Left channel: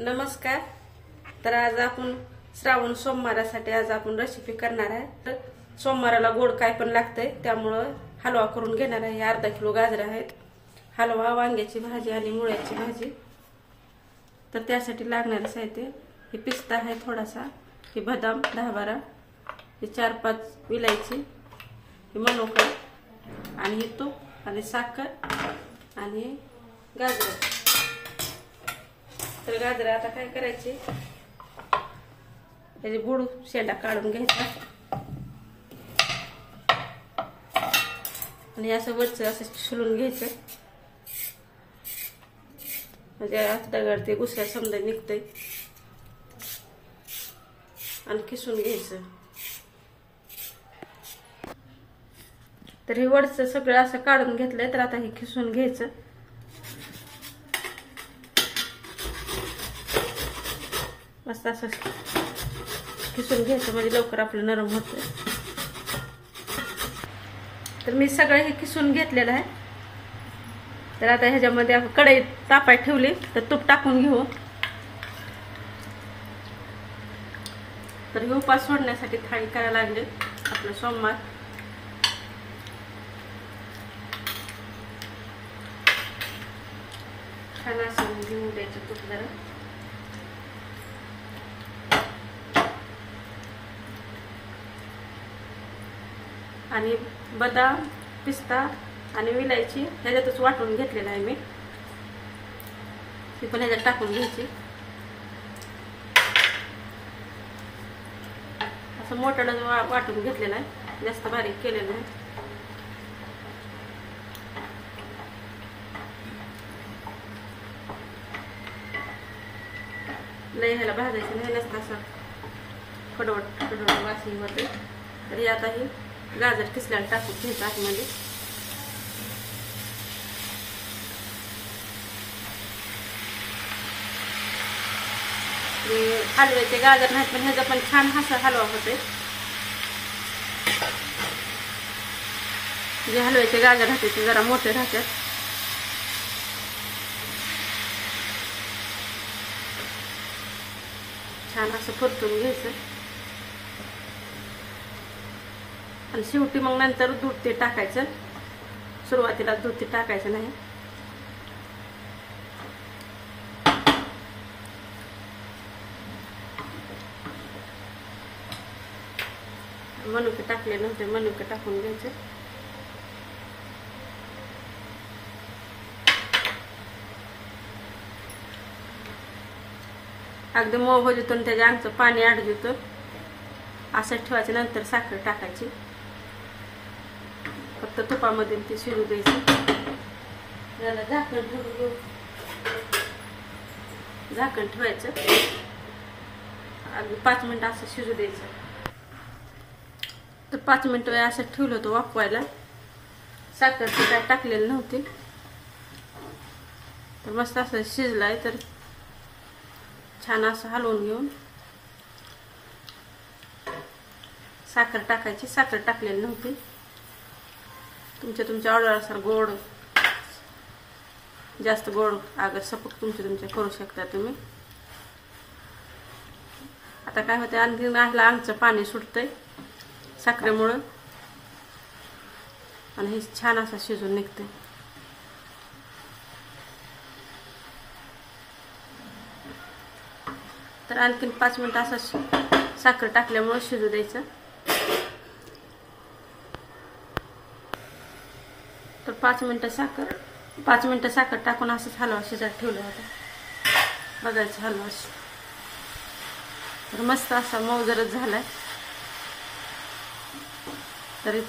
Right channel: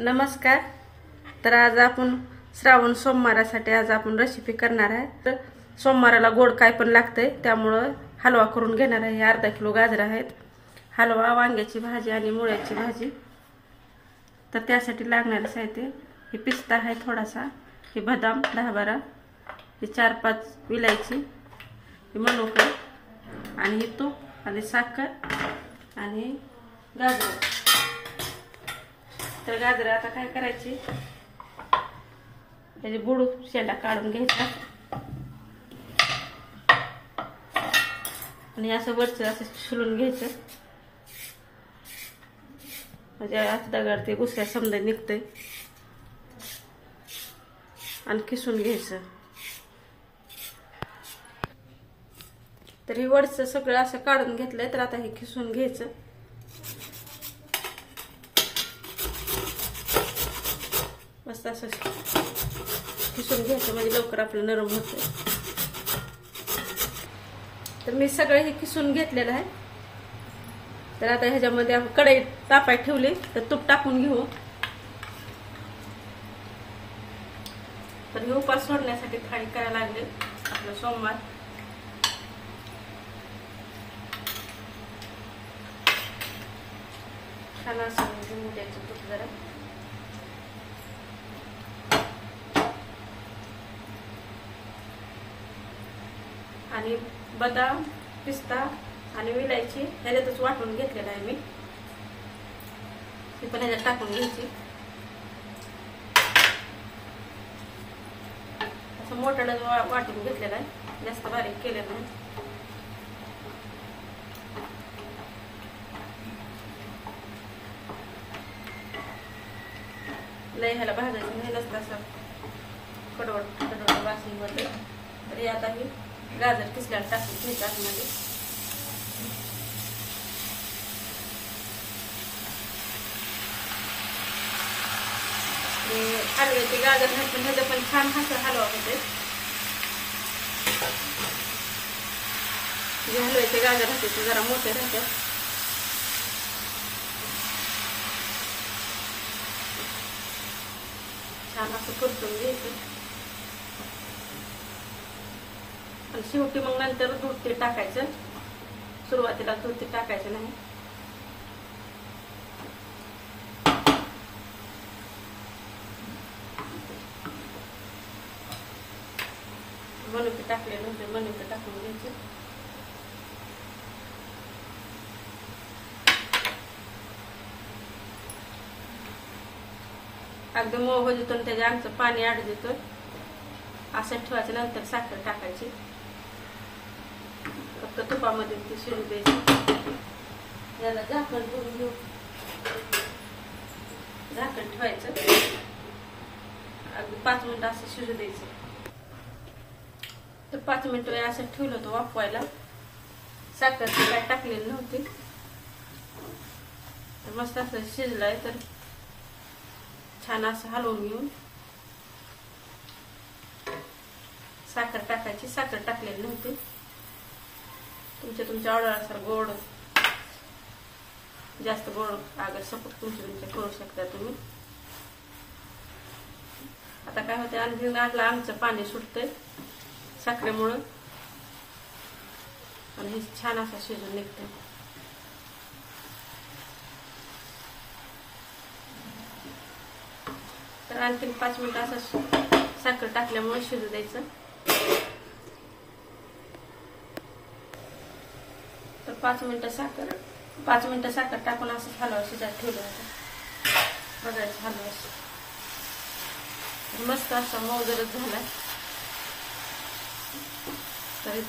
नमस्कार। तर आज आपण श्रावण सोमवारासाठी आज आपण रेसिपी करणार आहे। तर सोमवाराला गोड काय पण लागतंय, त्यामुळे हलवा करून घेणार आहे। अर्धा किलो गाजर आहेत, हलवा, वांग्याची भाजी आणि मुळ्याची भाजी। तर त्यासाठी लागणारे साहित्य हे पिस्ता आहे थोडासा, हे बदाम 10-12, हे 4-5 विलायची, हे मनुका आणि हे तूप आणि साखर आणि गाजर। तर गाजर आता काय करायचे, त्याचे बुड शेंडा काढून घ्यायचा आणि असं वरचं असं शिलून घ्यायचं, म्हणजे आता दगड ते गुसऱ्या समजा निघतंय आणि किसून घ्यायचं। तर हे वरचं सगळं असं काढून घेतलंय, तर आता हे किसून घ्यायचं। मस्त असं किसून घ्यायचं म्हणजे लवकर आपलं नरम होतं। तर मी सगळं हे किसून घेतलेलं आहे। तर आता ह्याच्यामध्ये आपण कढईत तापाय ठेवली, तर तूप टाकून घेऊ। तर हे उपास सोडण्यासाठी थाळी करायला लागले आपलं सोमवार। छान असं घेऊन द्यायचं तूप जरा, आणि बदाम, पिस्ता आणि विलायची ह्याच्यातच वाटून घेतलेला आहे मी, ती पण ह्याच्यात टाकून घ्यायची। असं मोठं वाटून घेतलेलं आहे, जास्त बारीक केलेलं नाही। लय ह्याला भाजायचं नाही, नसतं असं कडवट कडवट वासनी होते। तरी आता हे गाजर किसल्याला टाकून घ्यायचं आतमध्ये। हलव्याचे गाजर नाही पण ह्याचा पण छान असा हलवा होते। जे हलव्याचे गाजर राहते ते जरा मोठे राहतात। छान असं परतून घ्यायचं आणि शेवटी मग नंतर दूध ते टाकायचं, सुरुवातीला दूध ते टाकायचं नाही। मनुके टाकले नंतर मनुके टाकून घ्यायचे। अगदी मऊ होतं त्याच्या अंगचं पाणी आड देतं, असं ठेवायचं। नंतर साखर टाकायची, फक्त तुपामध्ये ते शिजू द्यायचं। त्याला झाकण घेऊन झाकण ठेवायचं, अगदी 5 मिनिटं असं शिजू द्यायचं। तर 5 मिनिटं असं ठेवलं होतं वाफवायला, साखर त्यात टाकलेली नव्हती। तर मस्त असं शिजलाय, तर छान असं हलवून घेऊन साखर टाकायची, साखर टाकलेली नव्हती। तुमच्या ऑर्डरनुसार गोड, जास्त गोड अगर सपोर्ट तुमच्या करू शकता तुम्ही। आता काय होतं, आणखी आमचं पाणी सुटतंय साखरेमुळे आणि हे छान असं शिजून निघतंय। तर आणखीन 5 मिनिटं असं साखर टाकल्यामुळे शिजू द्यायचं। तर 5 मिनिटं साखर टाकून असं हलवा शिजत ठेवलं होतं। बघायचं हलवा तर मस्त असा मऊ जरच झालाय, तरी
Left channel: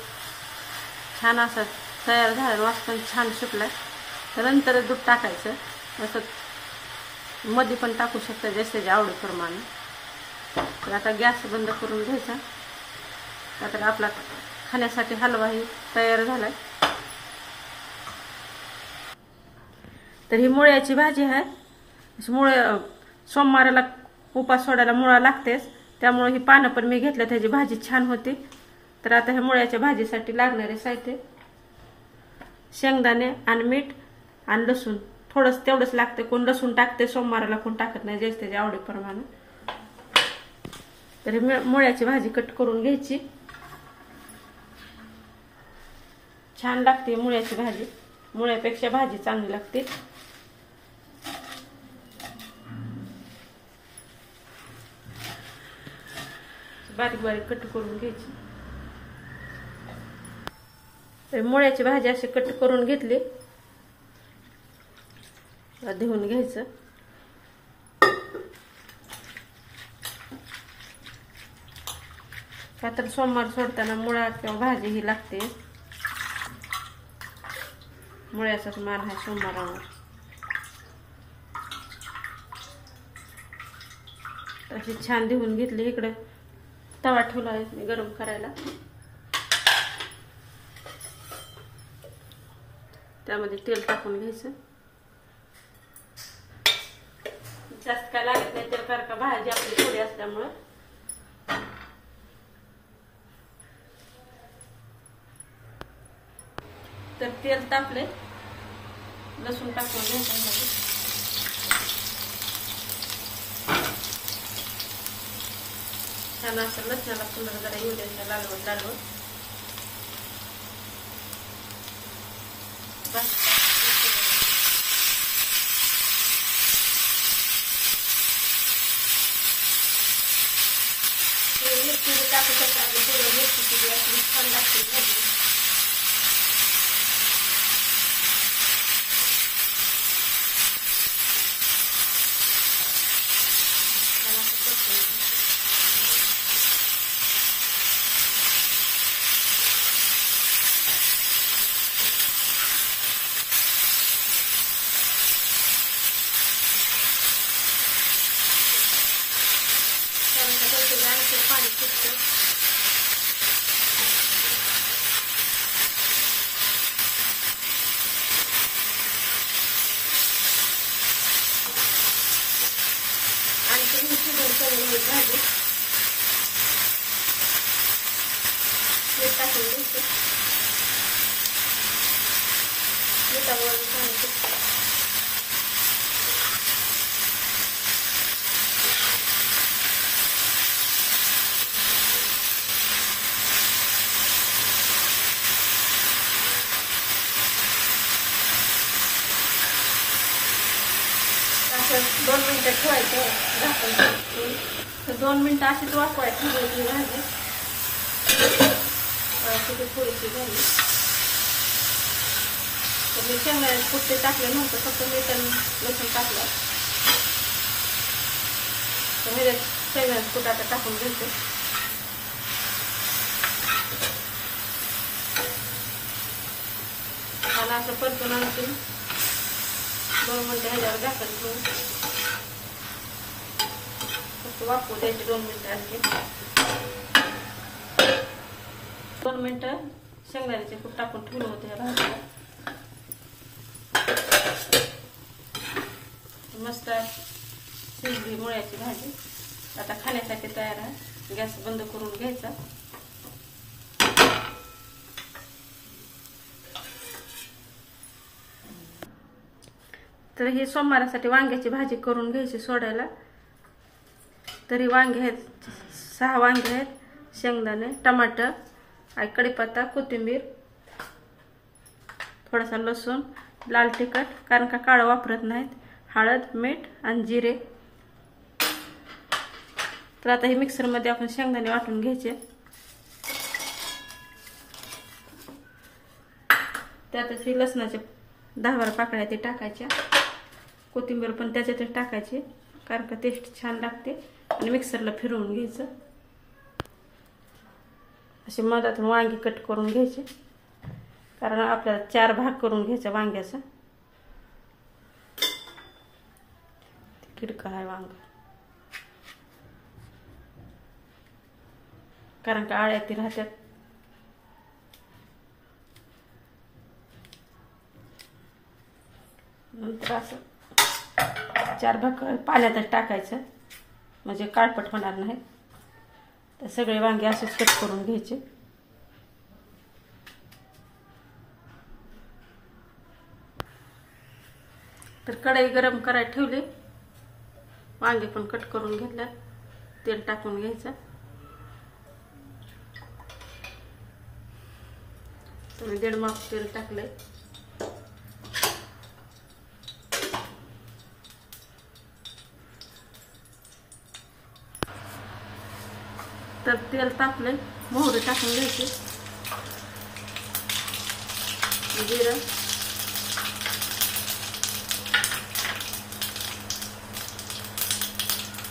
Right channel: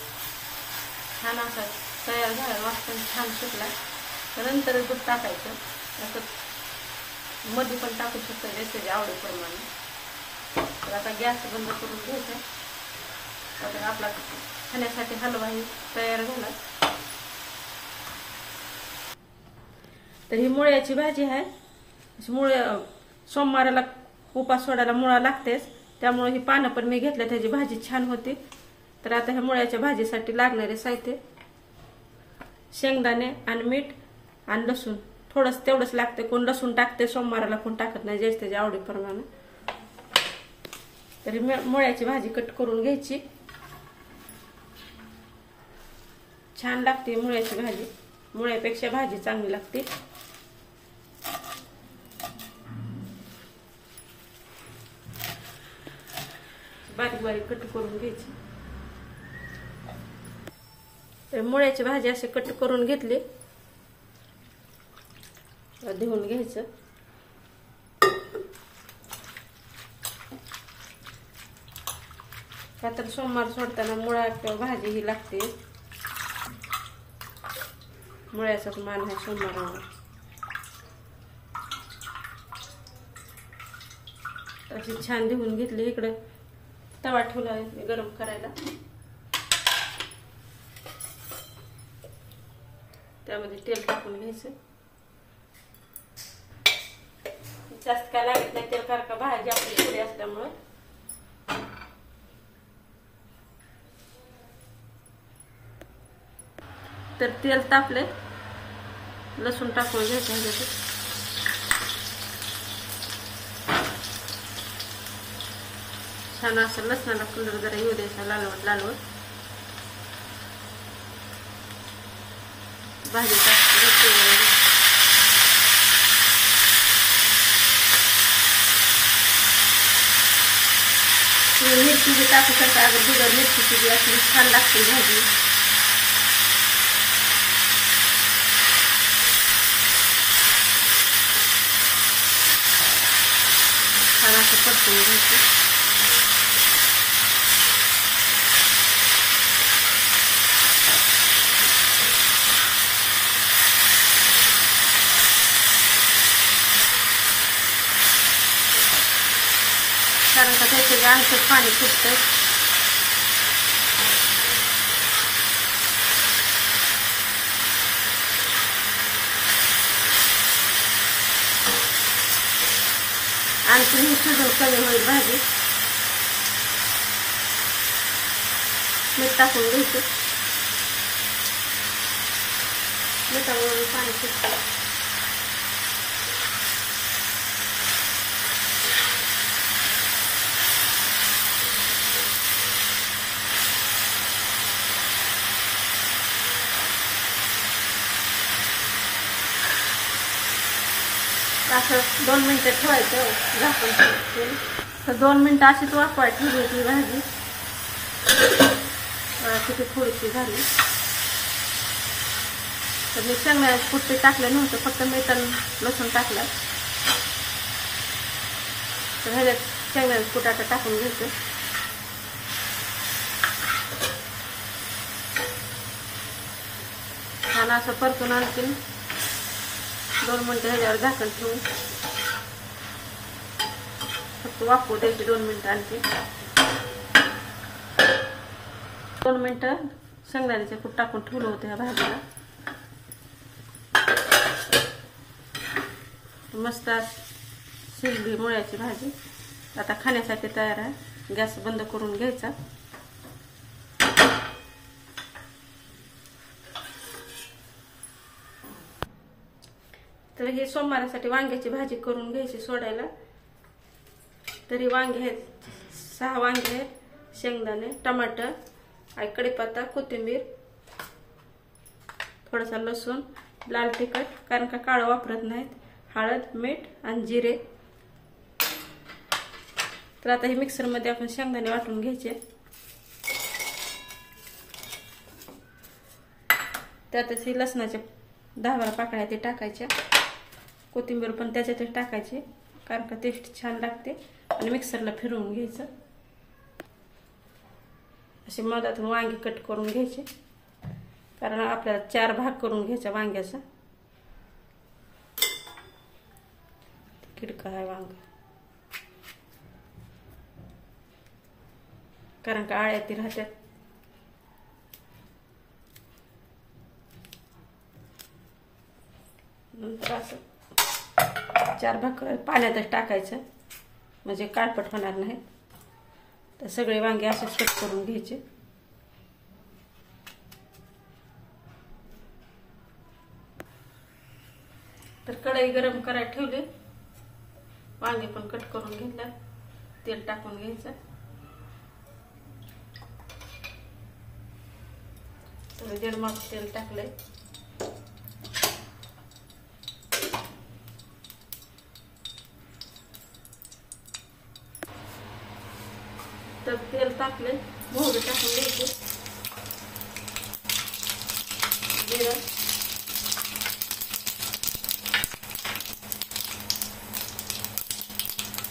छान असा तयार झाला, वाटण छान सुटलाय। तर नंतर दूध टाकायचं, असं मध्ये पण टाकू शकता जसे आवडीप्रमाणे। तर आता गॅस बंद करून घ्यायचा। आता आपला खाण्यासाठी हलवाही तयार झालाय। तर ही मुळ्याची भाजी आहे। सोमवाराला उपास सोडायला मुळा लागतेच, त्यामुळे ही पानं पण मी घेतलं, त्याची भाजी छान होती। तर आता ह्या मुळ्याच्या भाजीसाठी लागणारे साहित्य शेंगदाणे आणि मीठ आणि लसूण थोडंच तेवढंच लागते. कोण लसूण टाकते सोमवाराला, कोण टाकत नाही, ज्याच्या त्याच्या आवडीप्रमाणे. तर मुळ्याची भाजी कट करून घ्यायची. छान लागते मुळ्याची भाजी, मुळ्यापेक्षा भाजी चांगली लागते. बारीक बारीक कट करून घ्यायची. तर मुळ्याची भाजी अशी कट करून घेतली, धुवून घ्यायचं. का तर सोमवार सोडताना मुळा किंवा भाजी ही लागते. मुळ्याचाच मान आहे सोमवारावर. अशी छान धुवून घेतली. इकडे तवा ठेवला आहे गरम करायला. त्यामध्ये तेल टाकून घ्यायचं. जास्त काय लागत नाही तेल, कारण का भाजी आपली थोडी असल्यामुळे. तर तेल तापले, लसूण टाकून घ्यायचं. छान असं लसणाला सुंदर जरा येऊ द्यायचा, लालवत लालवत. भाजी मिरची बी टाकू शकता. अगर बिगर मिरचीची बी असली छान लागते भाजी. छान असं परतून घ्यायचं. कारण का त्याचे आणखी पाणी फुटतं. आणखी ही शिजून कमी होईल भाजी. मीठ टाकून घ्यायचं. मिठावर पाणी फुटतं. असं 2 मिनिटं ठेवायचं झाकून. तर 2 मिनिटं अशीच वाफवायची होती भाजी. किती थोडीशी झाली. तर मी शेंगदाण्याचे कुट्टे टाकले नव्हते, फक्त मीठ आणि लसूण टाकलं. तर ह्याच्यात शेंगदाण्याचे कुट आता टाकून घ्यायचं. आणि असं परतून आणखी 2 मिनिटं ह्याच्यावर झाकण ठेवून फक्त वाफवू द्यायची 2 मिनिटं आणखी. 2 मिनिटं शेंगदाण्याचे कूट टाकून ठेवलं होतं ह्या भाजीला. मस्त शिजली मुळ्याची भाजी. आता खाण्यासाठी तयार आहे. गॅस बंद करून घ्यायचा. तर हे सोमवारासाठी वांग्याची भाजी करून घ्यायची सोडायला. तरी वांगे आहेत, 6 वांगे आहेत, शेंगदाणे, टमाटर, कढीपत्ता, कोथिंबीर, थोडासा लसूण, लाल तिखट, कारण का काळं वापरत नाहीत, हळद, मीठ आणि जिरे. तर आता हे मिक्सरमध्ये आपण शेंगदाणे वाटून घ्यायचे. त्यातच ही लसणाचे 10-12 पाकळ्या ते टाकायच्या. कोथिंबीर पण त्याच्यातच टाकायची, कारण का टेस्ट छान लागते. आणि मिक्सरला फिरवून घ्यायचं. असे मधातून वांगी कट करून घ्यायचे, कारण आपल्याला 4 भाग करून घ्यायचा वांग्याचा. किडका आहे वांग, कारण का आळ्या ती राहत्यात. नंतर असं 4 भाग पाण्यातच टाकायचं, म्हणजे काळपट होणार नाही. तर सगळे वांगे असेच कट करून घ्यायचे. तर कढई गरम करायला ठेवली, वांगे पण कट करून घेतल्या, तेल टाकून घ्यायचं. तर 1.5 माप तेल टाकलंय. तर तेल टाकलंय, मोहरी टाकून घ्यायची, जिरं,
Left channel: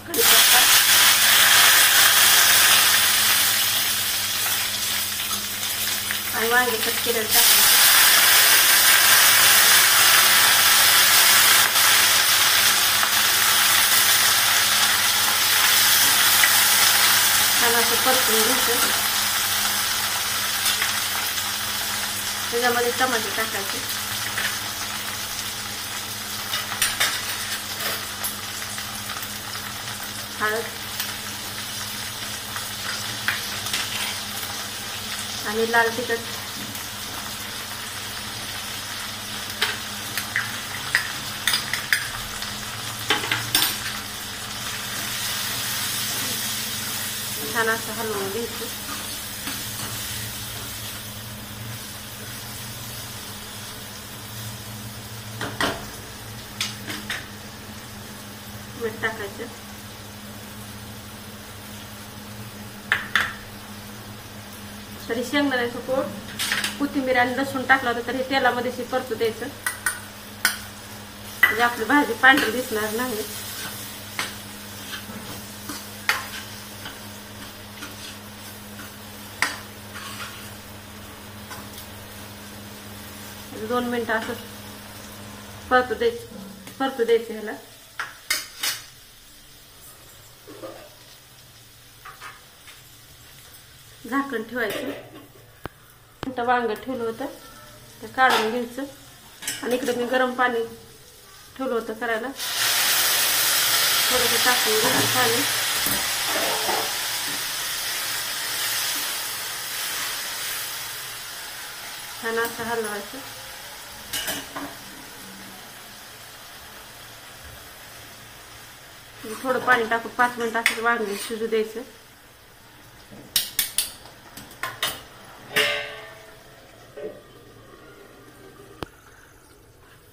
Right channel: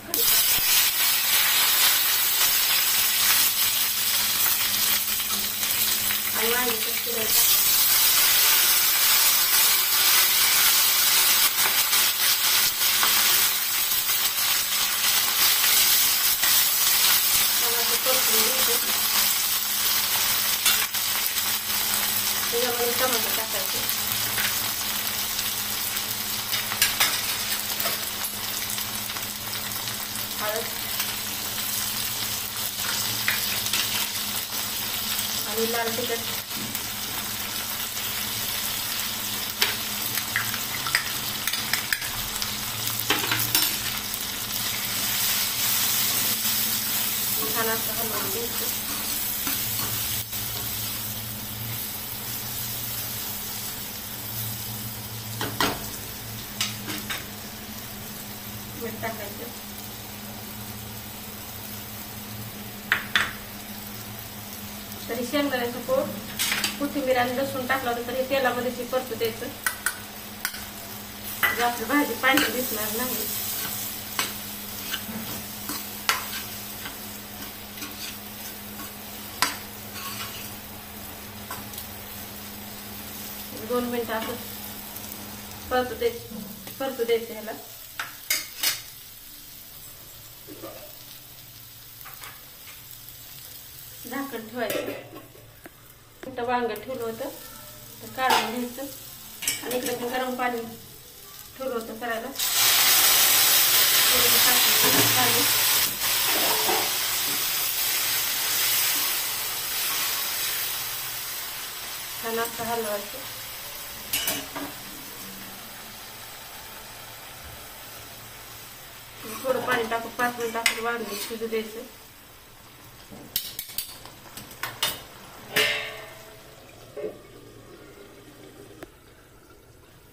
कढीपत्ता, आणि वांगे कट केलेले टाकले. परतून घ्यायचं. त्याच्यामध्ये टमाटे टाकायचे, हळद आणि लाल तिखट. छान असं हलवून घ्यायचं. मीठ टाकायचं. तरी शेंगदाण्याचं पोट, कोथिंबीर आणि लसूण टाकलं होतं, तर हे तेलामध्ये परतू द्यायचं, म्हणजे आपली भाजी पांढरी दिसणार नाही. दोन मिनिटं असं परतू द्यायचं ह्याला. झाकण ठेवायचं. वांग ठेवलं होतं ते काढून घ्यायचं, आणि इकडे मी गरम पाणी ठेवलं होतं करायला, टाकून पाणी. छान असं हलवायचं. थोडं पाणी टाकून 5 मिनिटं असं वांगे शिजू द्यायचं.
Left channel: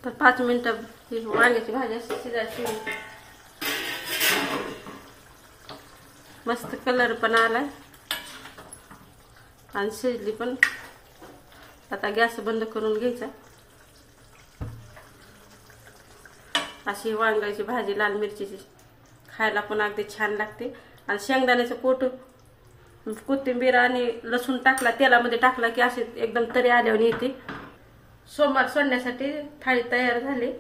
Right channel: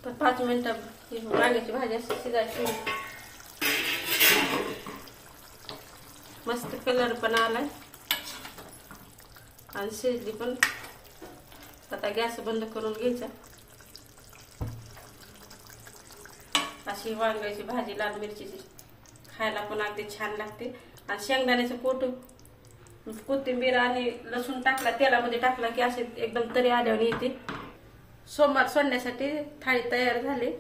तर 5 मिनिटं वांग्याची भाजी शिजायची. मस्त कलर पण आलाय आणि शिजली पण. आता गॅस बंद करून घ्यायचा. अशी वांग्याची भाजी लाल मिरचीची खायला पण अगदी छान लागते. आणि शेंगदाण्याचं पोट, कोथिंबीर आणि लसूण टाकला, तेलामध्ये टाकला की असे एकदम तरी आल्यावर येते. सोमवार सोडण्यासाठी थाळी तयार झाली.